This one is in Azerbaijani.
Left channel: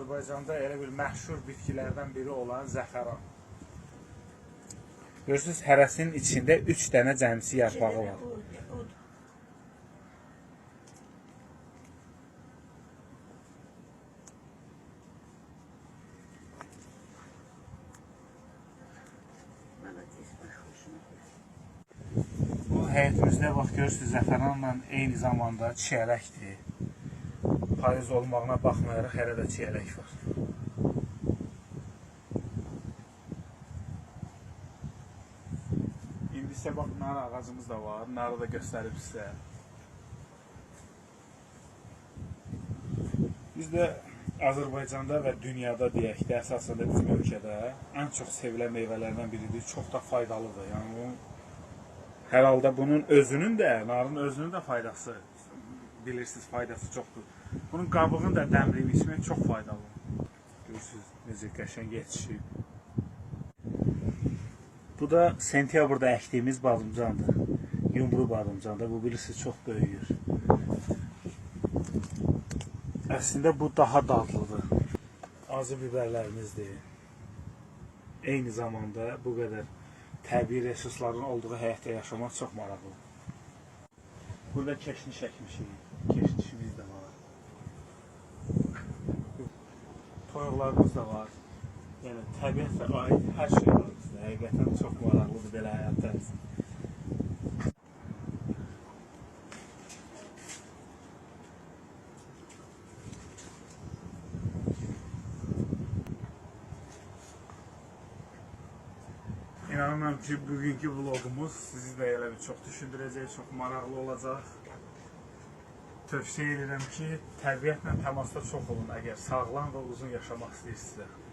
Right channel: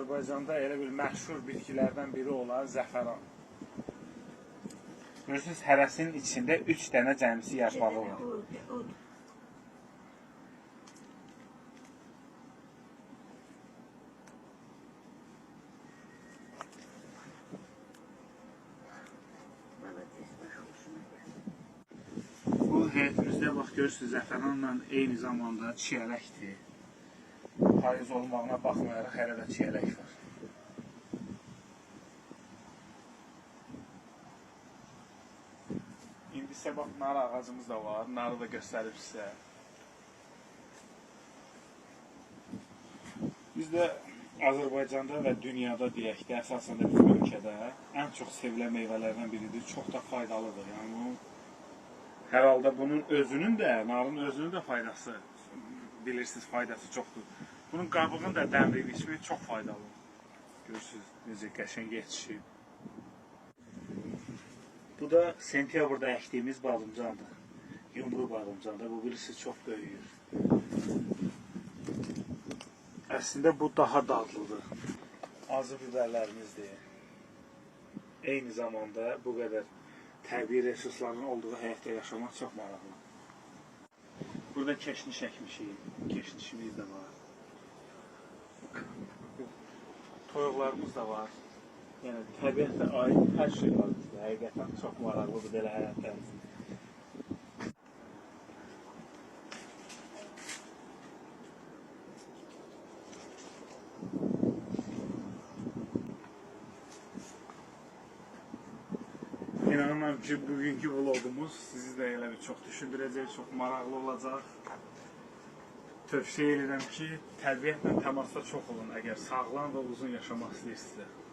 Azərbaycanda elə bir məşhur bitkilərdən biri olan zəfəran. Görürsünüz, hərəsinin içində 3 dənə cəmsi yarpağı var. Bu həyətimizdə bax görürsünüz, zəfəranla eyni zamanda çiyələkdir. Payız olmağına baxmayaraq hələ də çiyələk var. İndi isə bax, nar ağacımız da var. Narı da göstərib sizə. Biz də Azərbaycanda və dünyada deyək də, əsasən də bizim ölkədə ən çox sevilən meyvələrdən biridir. Çox da faydalıdır. Yəni, hər halda bunun özünün də, narın özünün də faydası, bilirsiniz, faydası çoxdur. Bunun qabığını da dəmriyib içmək çox faydalıdır. Görürsünüz, necə qəşəng yetişib. Bu da sentyabrda əkdiyimiz badımcandır. Yumru badımcandır. Bu bilirsiniz, çox böyüyür. Əslində bu daha dadlıdır. Acı biberlərimizdir. Eyni zamanda bu qədər təbii resursların olduğu həyatda yaşamaq çox maraqlıdır. Burada keşniş əkmişik. Keşnişimiz də var. Toyuqlarımız da var. Yəni, təbiətlə aid hər şey var bizdə. Həqiqətən çox maraqlıdır belə həyatlarımız. İnanıram ki, bugünkü vlogumuz sizi də elə bir çox düşündürəcək, çox maraqlı olacaq. Tövsiyə edirəm ki, təbiətlə təmasda çox olun, əgər sağlam və uzun yaşamaq istəyirsinizsə.